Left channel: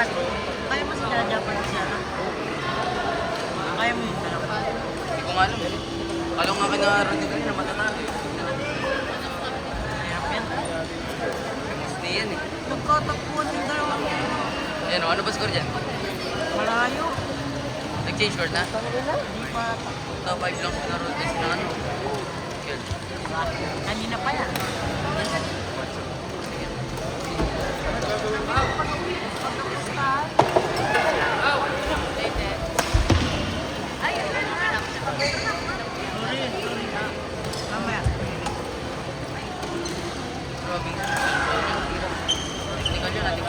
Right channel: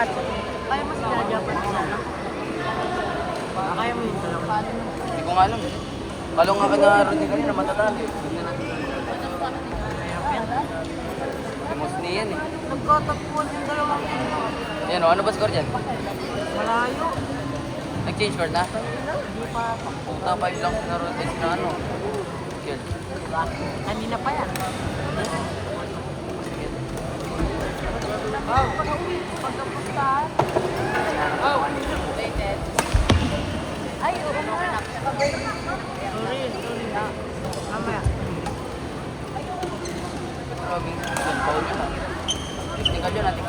Ba't? Kaya mo si Japan siya, no? Kaya mo yung dalawa. Hindi ko nga alam eh. Kalong nga kinarating kami na matatalo. Tingnan natin. Mahirap yan. Mostly yan eh. Nagkatapuan yung dalawang yun. Ayan o, ano ba score dyan? Malayo. Nag-change score na? Hindi pa ata. Puta, 5 lang sinarotest na ano. Yun. Diba? Kanina pa yan. Pagkapustahan. Ay, sorry. Mamaya. Grabe. Paul na. Hindi ka dyan natin.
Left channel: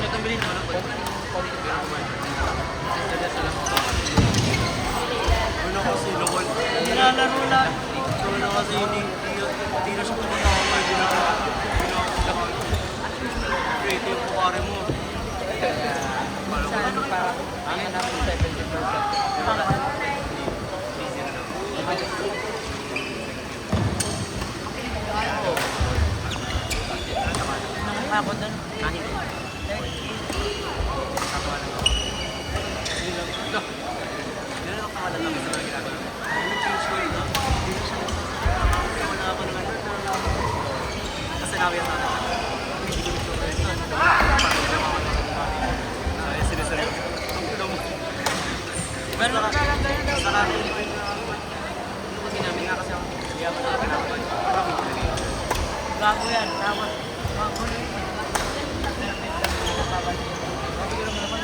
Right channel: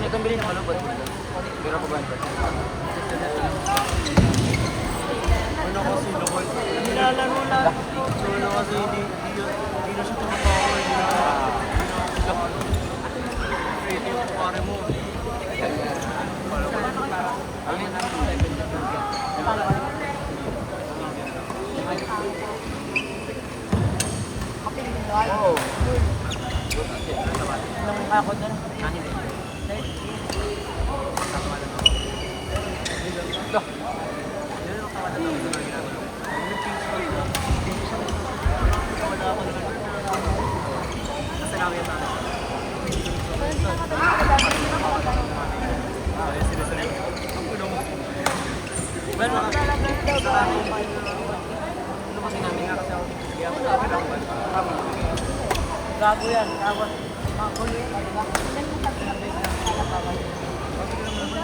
Nagkambili naman ako rin. Siguro ko ba ito? Ano kasi, lokal. Nilalaro lang. So, ano kasi, hindi na siya tumatawa. Hindi na ako kumakain. Create yung pukari mo. Kala ko lang. Ha? Kala ko. Oo. Nung ako doon. Ah, hindi. Tatawa lang ako. Ito. Yan ang tawa lang kami sa mga ginagawa ko. Ay, nag-change course na. Hindi na siya nagsasalita. Wala ako naman doon. Kasi sinabi sa akin. Hindi ko nagsasalita. Parang namawala ka ng manager. Ay, siniseryoso ko. Ang gulo mo. Ganun talaga yun. Sa akin, hindi nga kasi ako. Hindi ako kinakabahan. Gago yan. Tapos, magulo yan. Sinabi lang, hindi ka babalik. Bakit ka naman naman?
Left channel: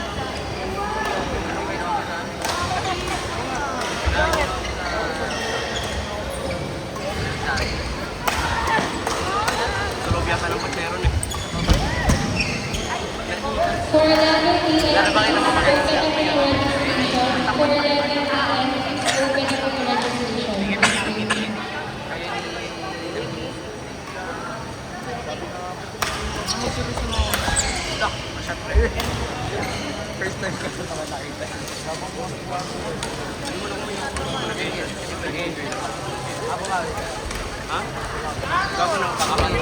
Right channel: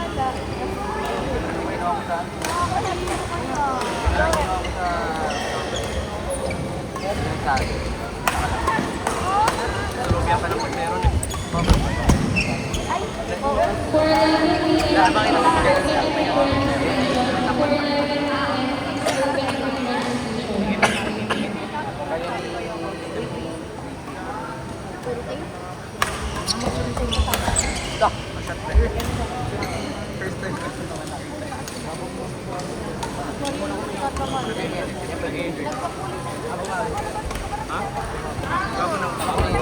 Sa loob yata ng pot meron eh. Lalo ba kita mapaganda siya? May takpan. Tingin. Ito. Shot pre. Hindi mo na kumain. Nag-enjoy. Ako nga rin. Ha? Gago na ako takaman.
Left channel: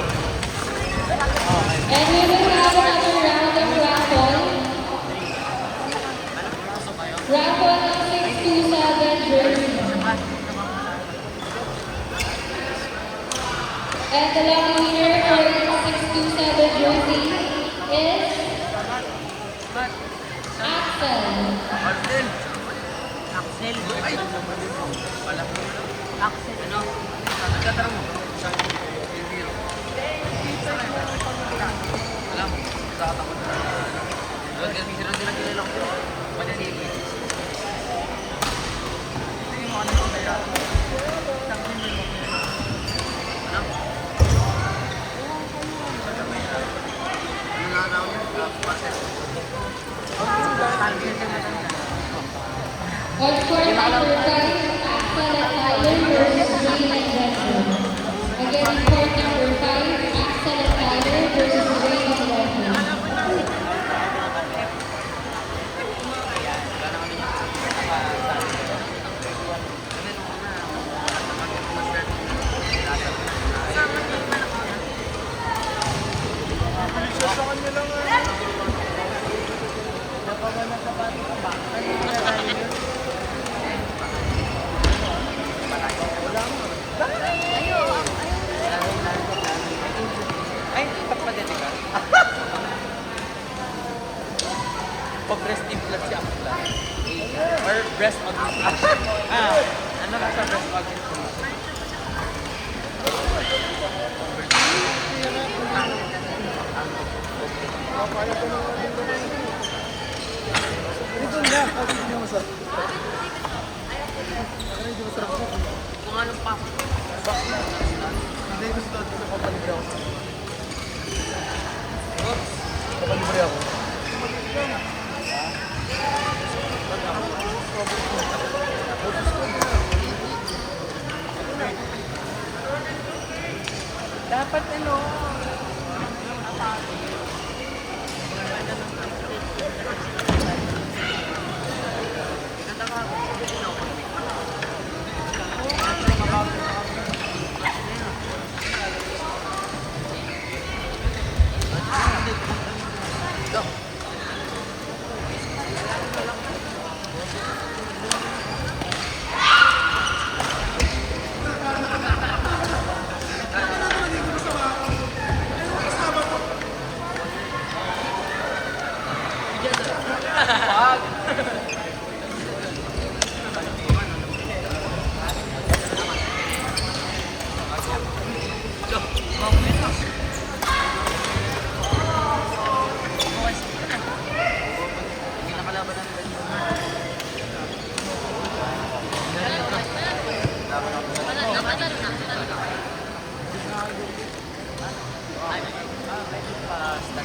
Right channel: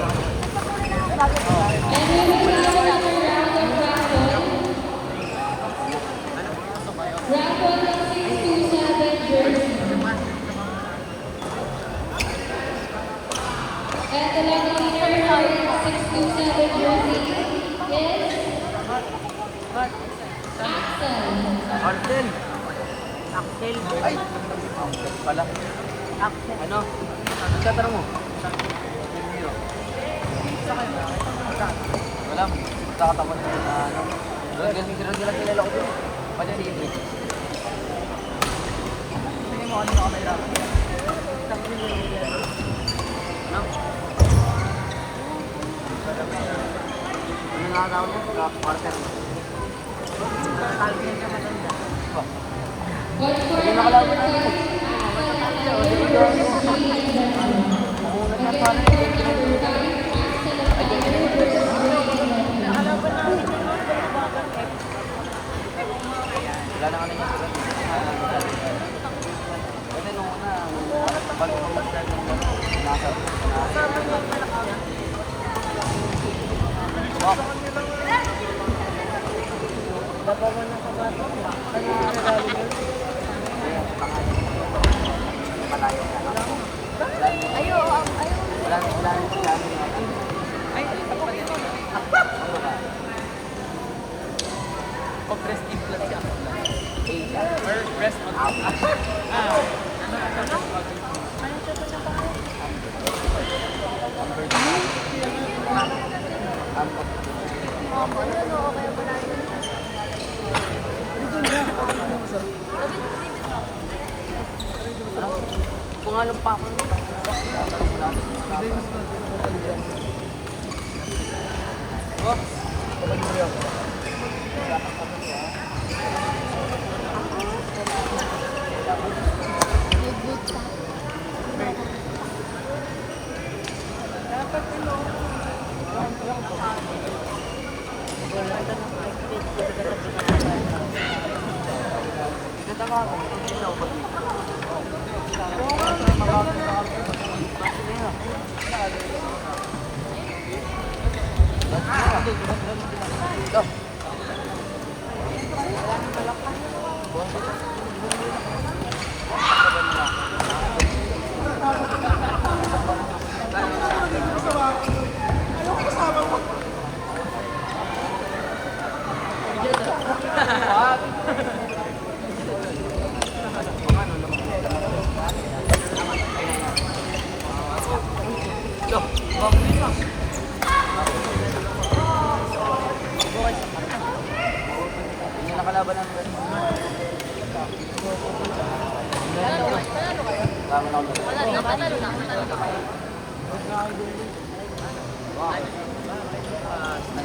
Ano? Pasok kayo? And the young winner, number 627 jersey, is Ba't? Martin. Axel. Ay! Pala. Axel. Ano? Nagtatanong mo? Silvio. Wala. Nakatakot na ano. Sino sila kilala ko din eh. Pati sige. Tingin mo ano ka mahirapan? Tangin mo yun. Ano? Para mahirap. Ano nakatawag mo? Martin. Talo siya siya matanda. Hindi makalawin na ito. Matatalo siya. O, di ba? Nakalaban na ako din naman. Pero bagal left. Wala na kami niya. Kasi nung una, pag mag-start ng gano'n, nasa Kasama niya yung malaki yan. Labawan ng sapatos niya. Kanina nagaling yun. Ay, hindi pa din. Ito breast implant siya. Or breast implant. Ano? Ano siya ba siya pa? Pangalong pa ako. Dapat ano?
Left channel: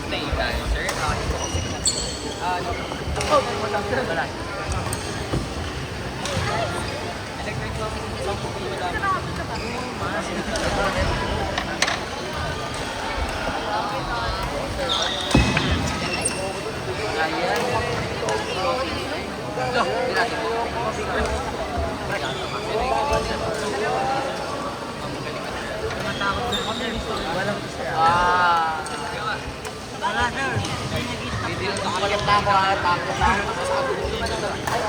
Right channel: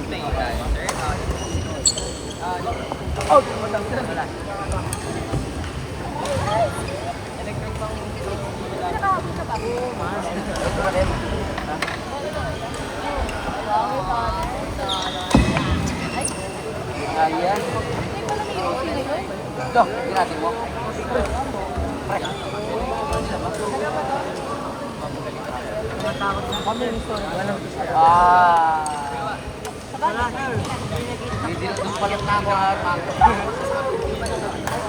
Play tayo, sir. Oh, wala. Electric bang hindi malaman? Oo, mas. Ayan. Ito, ginagin mo. Nakatakot na sir. Walang to sir. Wala sir. Hindi nag-stop Hindi na. yung maganda ang grabe. Hindi mo nakarinig.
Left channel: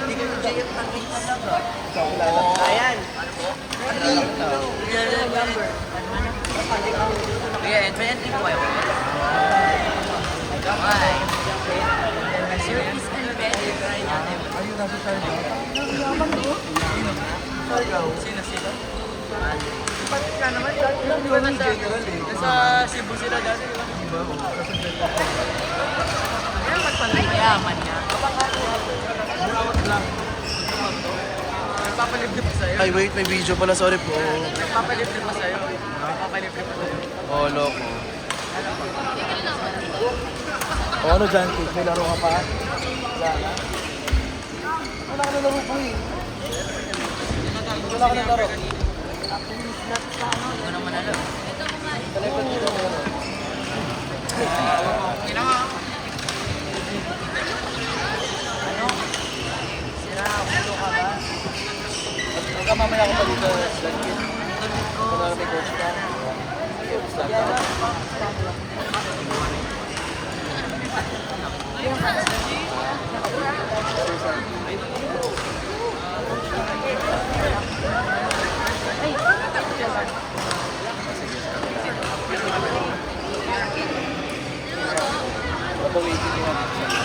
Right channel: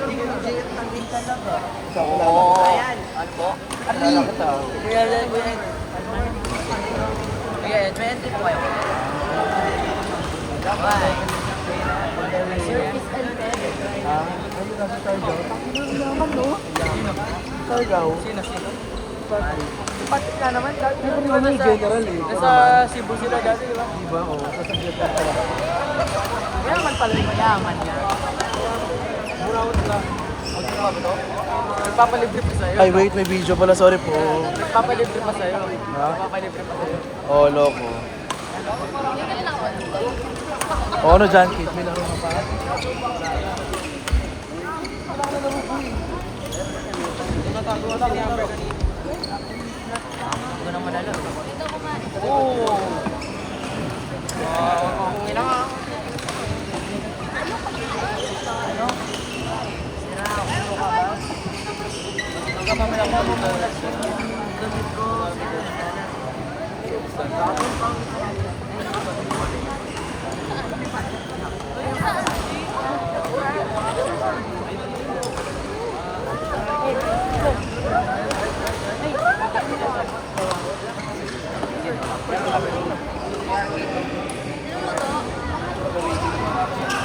Hindi ka JF tangin talaga. Oo. Ayan. Ano po? Kuya Ed, may entry po kayo, Kuya Ed? Okay. Service and pedic. Ayun, nasa Sargaw. Ang yaman, no? Yaman na. Sargaw. Sino? Patik na naman. Yung yung general eh. Sa Cebu sila dati, di ba? Diba? Oo. Sa general sila. Mayaman pala. Mayaman nga. Burawat lang. Papalibre pa sa'yo. Ay, wait. May video pala. Sorry po. Papalibre pa sa'yo. Ha? Papalibre pa sa'yo. Oh, loko. O ano dyan, Kate? May laro ka pa? Tinatago kasi ni Amber kanina. Hindi ko naman alam. Oo. Huwag mo akong ilang. Ano? Sira, ulo ka ba? Alam mo muna yung damit ko, sir.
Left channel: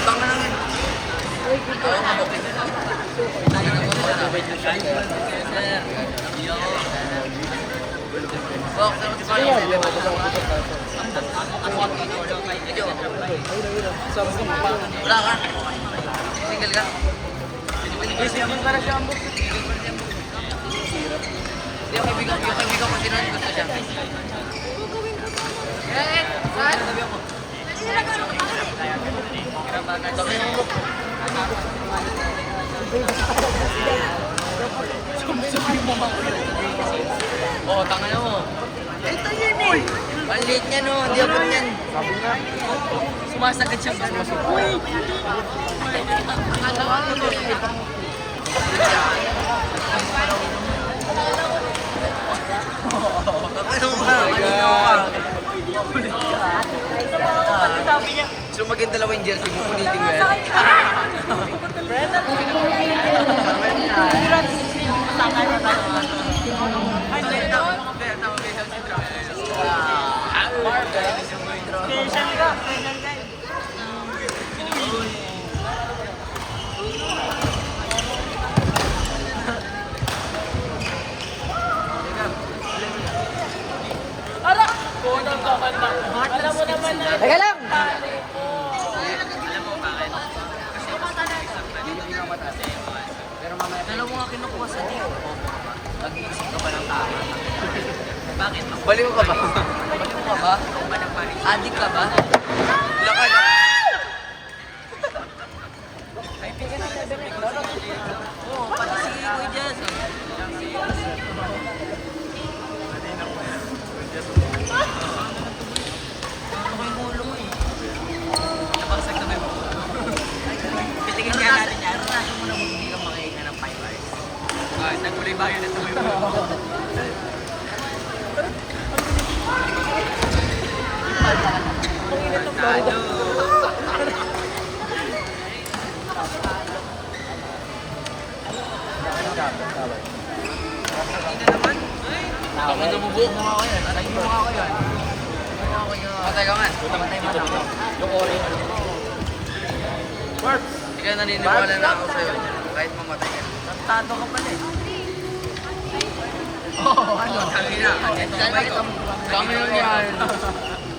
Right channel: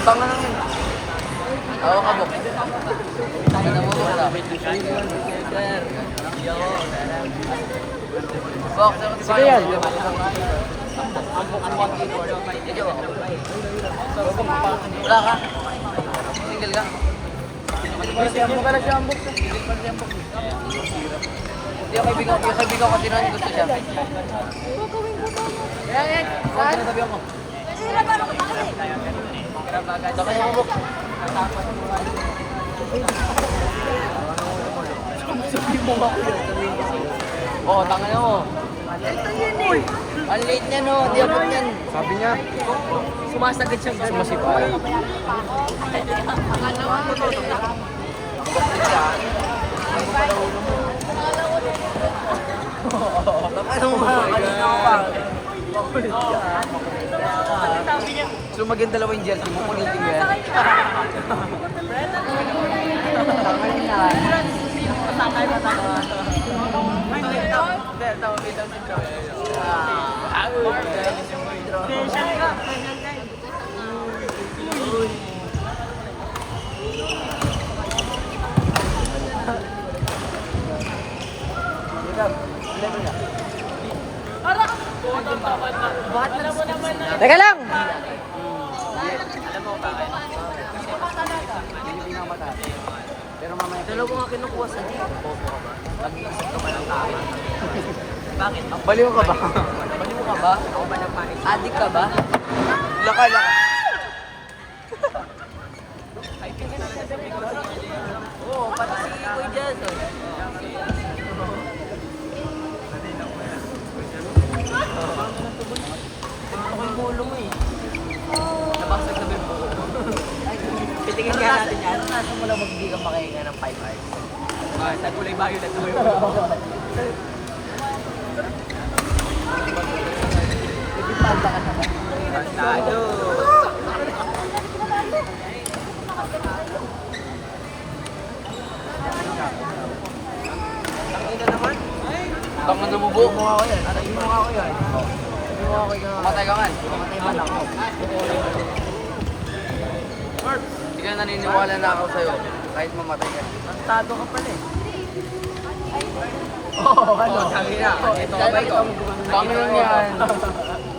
Tanga naman. Oo, kabok. Tayo na mo wala. Sir. Yo, dala. Bok, sama sa bayan. Wala ka. Single ka. Siyambok ka na, siyambok. Kaibigan ko, tinanin ko siya. Sakay mo, bro. Sabihin mo ako yun. Sabihin ko sa'yo. Oo, tanga na mo. Ito yun eh. Ang late niya no. Di ako yan. Sumasagad siyang gano'n. Uy! Bakit siya? Ano mo pala ulo mo? Bakit mo ka? Kanina ko pa. Makulit ka. Makulit ka. So maganda dalawa yung jersey mo. Kulitin yan. Sakay pa tayo. Bakit nag-skip sila? Teka lang! Alam mo bakit? Dalawa nga kinukuha sa G. Bobo ka ba? Nag-iisip ka ba ng tama? Bakit? Baliw ka ba? Baliw ka ba? Ako ba nag-manage? Addict ka ba? Laka. Oo, pati si Kuya Jason. Ako yung bulo mo eh. Nabasag na ba yung buho? Titingin nga natin yan. Naranasan mo na hindi ka makahinga ng 5 hours. Nagkulay violet na mo yung bulo mo. Nagpipalda ka na ba? Tado! Tangin na naman. Ako na bubuo mo ako yan. Atagin mo ako yan. Atagin mo ako yan. Matay ka man. Mamatay man ako. Hindi ka naniniwala na ako sa'yo. Kahit mamatay yan. Tantado ka pala eh. Oo, ano? Sabi na, ito kamay ko. Kami yun yan.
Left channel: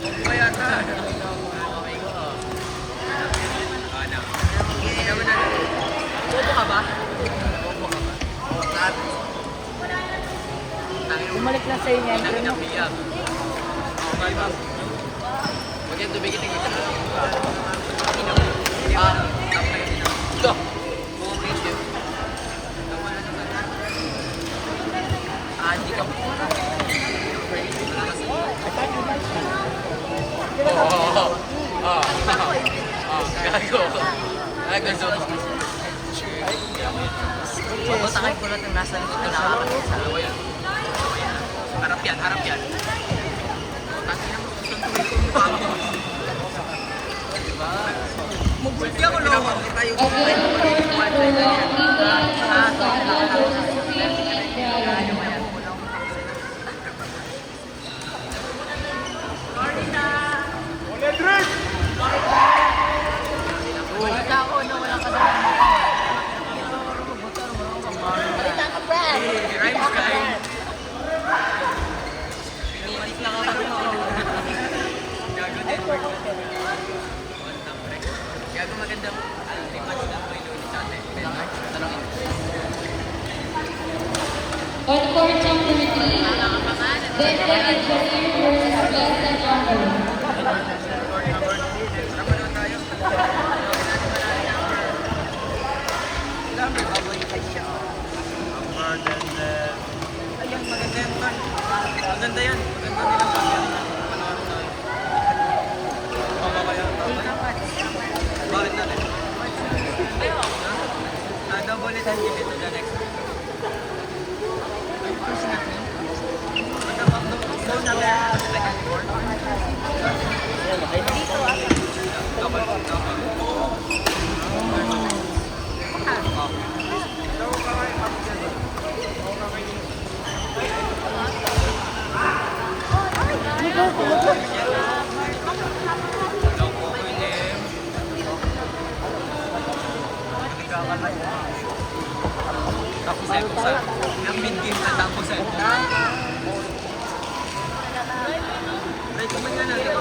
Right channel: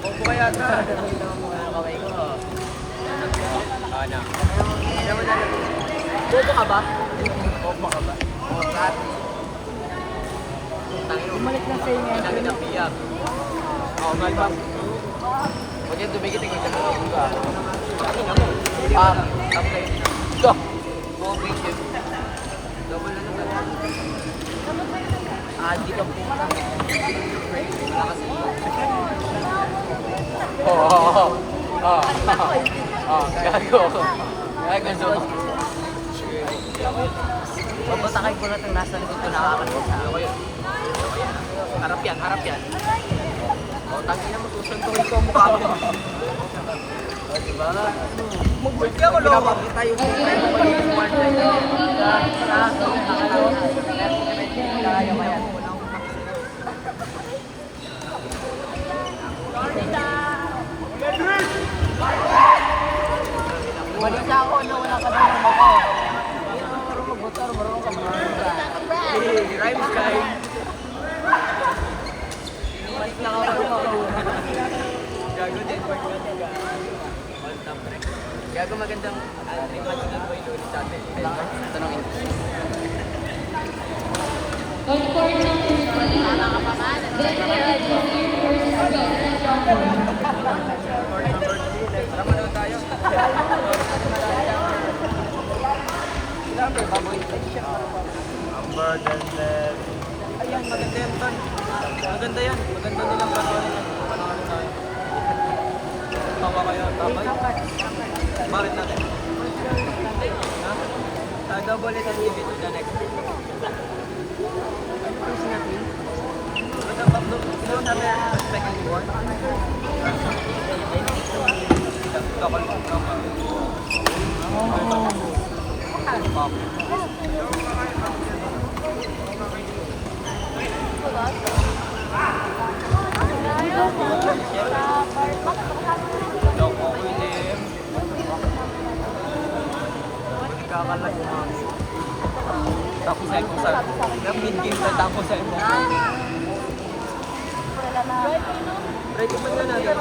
Huwag ko yata. Kamay ko. Ano? Hindi naman na. Bobo ka ba? Bobo ka ba? Bumalik na sa inyo. Sabi na piyag. Oo, malbang. Huwag yung tumigil yung isa. Hindi mo na. Top na yun. Ito. Bobo ito. Double na naman. Adi ka puta. Oo. Gago. Gago. Babatakay ko lang yung nasa likod ko nakakakit sa Ano ko yun? Harap yan, harap yan. O, tangin na mo, susuntukin ko ang mukha mo. O, diba? Magbulti ako, loko. Tayo ko. Balik ka ako na wala ka daw ng motor. Hindi ka marunong mag-motor, marunong ka mag-motor. Hey, rhymes guy. Mas nakakapagpakauna. Gago, Denmark natin ka. One top rec. Gago magandang 3 months na ba yung lolo sa atin? Denmark? Tanongin. On court number 3, Denmark Junior versus President Amber. Court number 3, next tara naman tayo. Number, baboy ka siya. Number, then. Ayan, maganda yan, Ton. Maganda yan. Maganda nilang pagyan. Tama kaya, tama. Bakit natin? Ha? Double it and give it to the next week. Ano ito natin? Maganda ba? Ilo natin ang second board. Double it. Tapos ay kung saan, yung mid-game pa tapos ay mo. Rating man nga natin.